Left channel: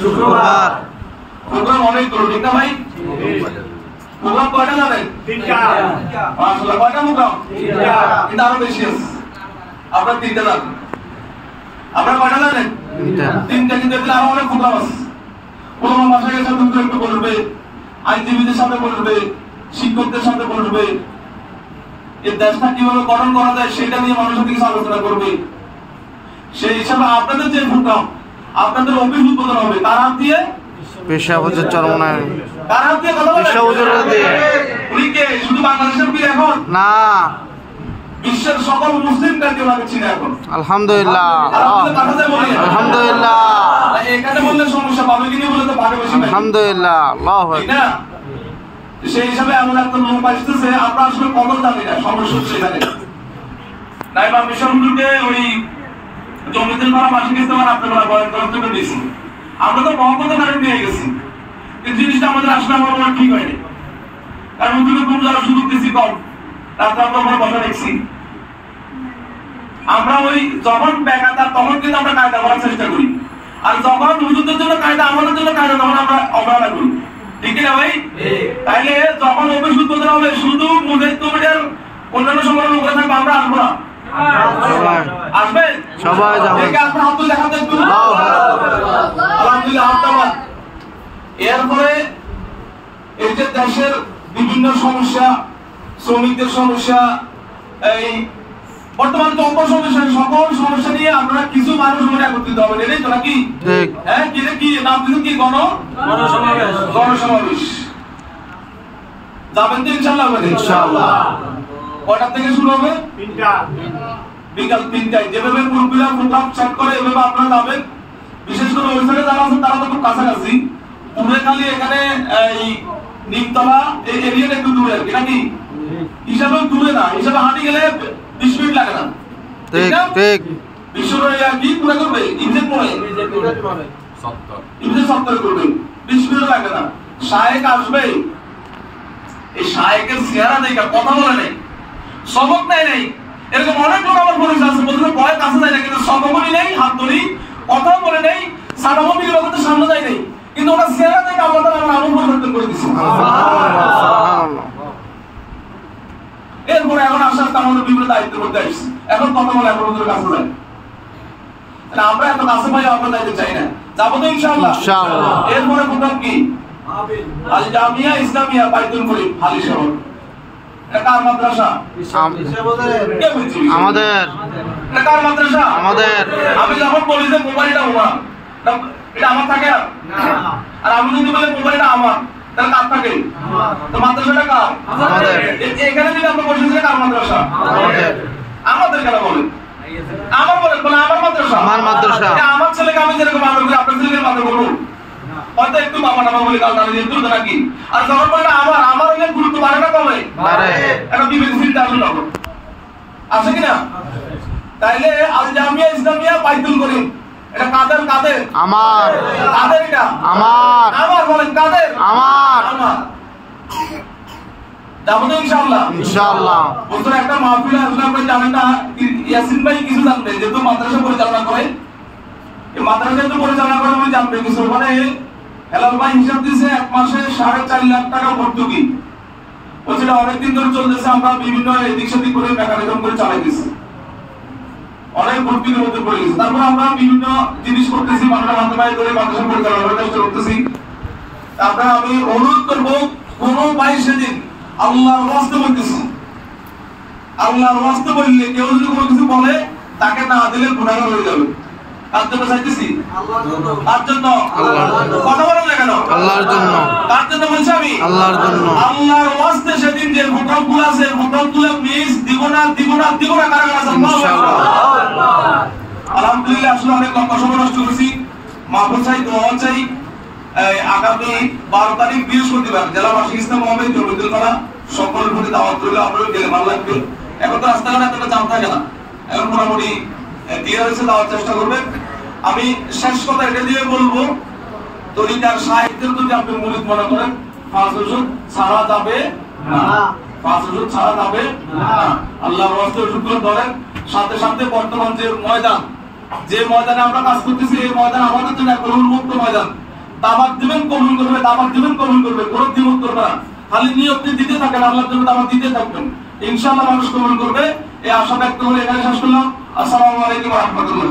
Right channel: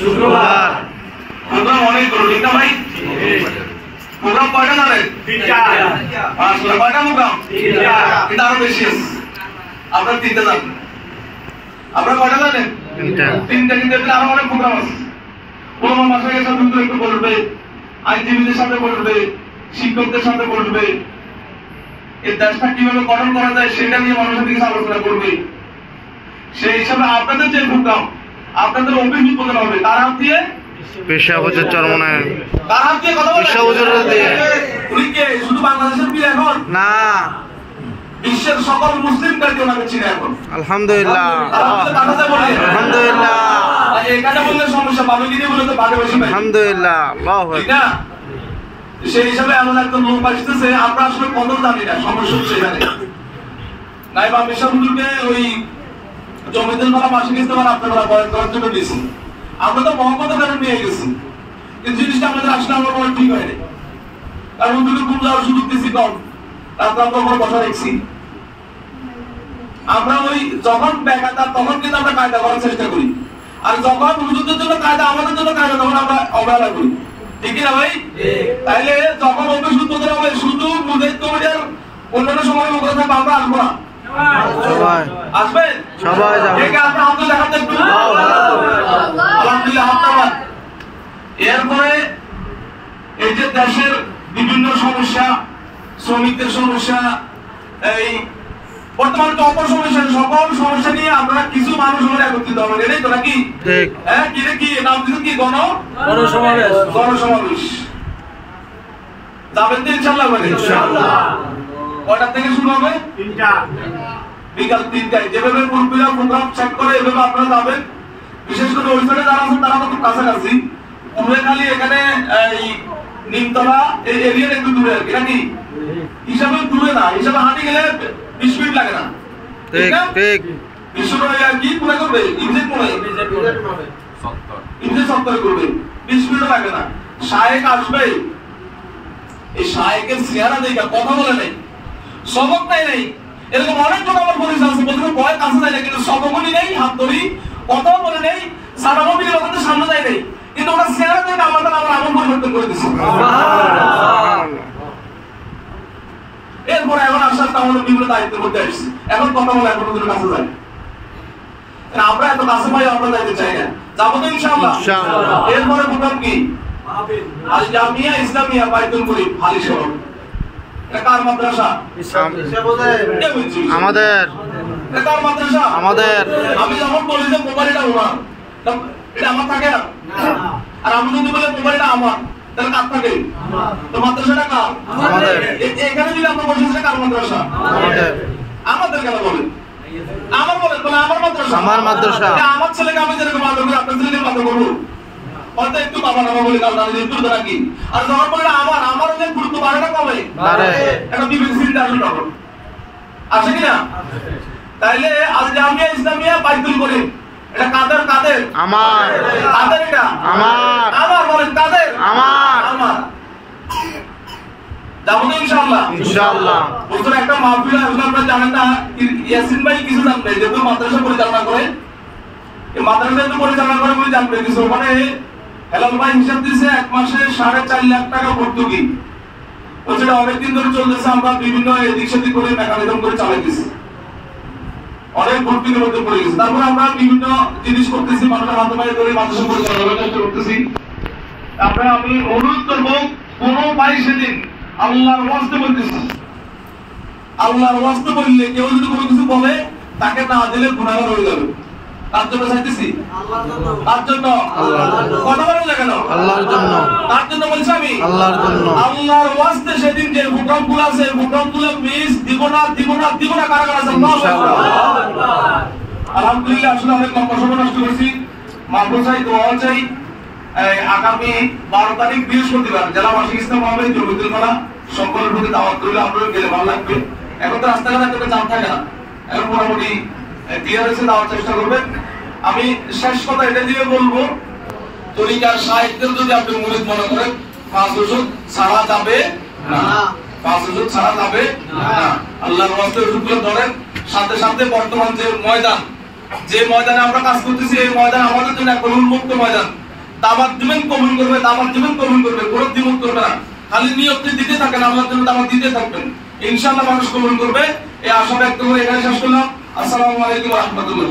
শুক্রবার। প্রোগ্রাম অনেকগুলো, ঠিক না ভাই? প্রোগ্রাম কয়টা জানেন? 3টা। আসলে কয়টা প্রোগ্রাম? 3টা। কিন্তু আরো বেশি আছে। আপনারা 3টা জানেন। আপনারা কয়টা জানেন? 3টা, কিন্তু এতে আরো অনেক প্রোগ্রাম আছে। কোন ভাষাকে সাথে একটু বলবে, আইনজীবীদের সাথে বলবে, শিক্ষকদের সাথে বলবে, এই দেশটা কিভাবে গঠন করা যায় সেটা নিয়ে মানুষের দিকে আলোচনা করবে। সেই হিসাবে আপনাদের যে প্রোগ্রাম, আপনাদের অভিযোগ উদ্বোধন হবে তার হাত দিয়ে, পেশা হুজুর চরমনায়, তার হাত দিয়ে কথা বলে। পেশা হুজুর দিয়ে উনি কে? শুধু বাংলাদেশের পীর এখন না, বিশ্বের সকল মুসলিমদেরকে ওনাকে চিনে এখন। আলহামদুলিল্লাহ, আলহামদুলিল্লাহ, এখানে বললে সমস্যা পাবে কিনে বলে তো ভাগে বেশি পাই। আলহামদুলিল্লাহ, আল্লাহু ঠিক না? সেই হিসাবে এমন একটা লোক আসতেছে, আমরা আসলে কদর জানি না, সমস্যা হচ্ছে এখানে। নাইবা মিশন হুজুরকে ওই জমিদের ভাড়া মাসিক ইস্তেমার আপনারা বয়ান করার জন্য দিয়েছি। আমরা তো মহব্বতের কারণে নিয়ে গেছি, এই জিনিসটা আমাদের আসলে আমার মনে ঠিক হয়নি। কারণ হুজুরকে ঘুম যাওয়ার সুযোগ দিয়েছি কম, রাত্রে আমরা ওখানে বসা রেখেছি। আমরা ওই যখন বেকাতা তখন কিন্তু আমরা কায়দা করার চেষ্টা করি, আর যখন হুজুরদের জন্য কায়দা, আমাদের জন্য কায়দা, তখন আমরা অবহেলা করি। ঠিক না ভাই? তাইলে যখন অফিস উদ্বোধন হবে, শুধু মুজাহিদ কমিটির অন্যান্য সময় লোক থাকবে, আমরা আসবো না। সবাই আসবে? সবাই যাবে। আপনার হাত তুলে দেখাতে একটু। আলহামদুলিল্লাহ, হাত তোলেন। এরপরে এই যে দেশের বিভিন্ন সমস্যা, শ্রমিকদের সমস্যা, এই বর্তমান তো অপসমস্যা, সকল সমস্যা নিয়ে আমরা কিছু মানুষ মিলে একত্রিত হবেন, এটাই তো নাকি? হ্যাঁ, কি রে, কি নাম দিলেন? কি গণসমাবেশ? গণসমাবেশ যাবেন তো ইনশাআল্লাহ? ইনশাআল্লাহ। কয়টা থেকে শুরু হবে? 3টা। বিকাল 3টায়। যেভাবে মুরব্বিরা প্রোগ্রাম চেক করে এভাবে আপনারা যাবেন। বিশেষ করে ওই সাইডে যারা আছেন তারা তো খুব কাছাকাছি, দূরে খালি এখানে এই নিমতলা এই এরিয়াটা একটু দূরে আর কি, নাকি? হিসাবে দূরে না, হিসাবে হাঁটি গেলে 20 মিনিট লাগে না। ঠিক ঠিক। বিশ্বরয় কি পুরো করবে? ইনজেক্ট করে ইনজেক্ট সত্তর করবে, 20 মিনিট লাগে না। শায়েক আসবে, এই শায়েকের চেহারা দেখে কথা বলে নেই, সবক নেই। এরকম অনেক লোক আমার পরিচয় আছে, বলতে ভয় কাছে যায় না, কিন্তু সবকই নেই, হাত ধরি, কথাও বলে নেই, সারামন্দির লোকের সামনে যায় নেই, কিন্তু ওনার চেহারা দেখে আল্লাহ তাআলা আমার আমল পরিবর্তন করে দিচ্ছে। এরপরে এখন আস্তে আস্তে আমাদের বিভিন্ন দায়িত্বের মধ্যে আসছে, এখন কথা বলে এখন ওদের কাছে যায়। আমরা এত কাছে পাই, আমরা যাইতে চাই না, যাবো তো ইনশাআল্লাহ। এরপরে প্রোগ্রাম কি? আল জামিয়া ইসলামিয়া বাইতুল মুরিদ হালি শহর। এটা কার মাদ্রাসা? আমাদের। এটা কার মাদ্রাসা? আমাদের। আমি যখন বলি যে মোবাইলটা আমার, এটা আমার থাকে না, আর আমি যদি বলি মোবাইলটা আমার, তাহলে কার থাকে? তো মাদ্রাসাটা কার? আমাদের। এখানে যদি আমরা বসেছি কার মাদ্রাসা? আমাদের। আমাদের কেন বলেন? আমার বলেন, বলে আমার মাদ্রাসা। আমার মাদ্রাসা। আমার ছেলেকে আমি যেরকম আদর করি, আপনার ছেলেকে আদর করবো, হয়তো একটু বাবা নামা বলে কাল দাঁড়িয়ে যেত নাকি? আর যখন বললে আমার অনেক গুরুত্ব বাড়ে না, কমে? একটা বিবেক চিন্তা আসলে তখন আসে কিনা? তাইলে আল জামিয়া ইসলামিয়া বাইতুল মুরিদ এটা কাদের? কাদের? আমার। কাদের? এটা আমার। আমার। বলেন কাদের? আমার। আমার। যাবো তো ইনশাআল্লাহ? ইনশাআল্লাহ। বলতো একটা মাহফিল আসলে আপনারা জানেন না, ইয়াসিন ভাই কিছু জানবে, যেহেতু মাদ্রাসা পরিচালনা করে, এই মাদ্রাসা যেহেতু পরিচালনা করে বলে জানবে কিছু। মানে হেলাল ভাই হিসাব দিয়েছে 1 মাসে 4.5 লাখ টাকা ভর্তুকি, ও যেটা অনেকদিন ধরে চলতেছে, আমরা বিভিন্ন এদিক সেদিক করে মেকানিজম করে চালাইতেছি, অনেক ভর্তুকির মধ্যে পড়ে গেছে। তারপর আমরা বিভিন্ন জিনিস করতেছি, মানুষের মাধ্যমে করে মাদ্রাসা পরিচালনা করতেছি। আমরা আমি অনুরোধ করবো, কোনো ভাই সেদিন আল্লাহর ওয়াস্তে বলতেছি, আল্লাহর ওয়াস্তে বললে কেউ যদি কোনো কিছু বলে, তাকে না দিলে গুনাহগার হয়ে যাবে। তার জন্য চাইতেছি, তার জন্য কথা বলেন না কেন? আল্লাহর জন্য। তার জন্য বলছি আমি, আল্লাহর জন্য, আল্লাহর ওয়াস্তে সেদিন যে প্রোগ্রাম গুলো আছে, প্রোগ্রাম গুলো মিস দিব না, দিব না, দিব না, কারা কারা আছে? ইনশাআল্লাহ। আলহামদুলিল্লাহ, আসলে অনেক লম্বা সময় নষ্ট করেছি, মাহফিল চাই, দোয়া চাই। আগামী 12 তারিখ বৃহস্পতিবার জেলা মাসিক ইসলাম হবে, জমিদুল করা, সকলের প্রতি দাওয়াত করলে আপনারা গেলে ভালো লাগবে। এখন তো রাস্তাঘাটে এতটা জাম থাকে না, এখন মোটামুটি ক্লিয়ার হয়েছে, দেওয়ার চেষ্টা করবেন। আমি শেষ কথা এটা দিয়ে বলবো, তরিকার সাহিত্যের যদি আপনি মুরিদ মনে করেন, 5 ওষুধ ছাড়া যাবে না, 5 ওষুধ ছাড়া যাবে না। আল্লাহর ওয়াস্তে ওষুধগুলো ধরেন। সাথে সাথে বর্তমান যে ময়দানে আমরা কাজ করতেছি, এই ময়দান আমাদের জন্য একটা উন্মুক্ত ময়দান। দাওয়াত দিবেন কবুল করবে, দাওয়াত দিবেন কবুল করবে, কোনো দ্বিমত করবে না। খালি নিয়তে দিতে থাকেন, আল্লাহর জন্য দাওয়াত দিতে থাকবেন, ইনশাআল্লাহ মানুষ কবুল করবে। এই আশা ব্যক্ত করে এখানে শেষ করলাম। আসসালামু আলাইকুম ওয়া রাহমাতুল্লাহ।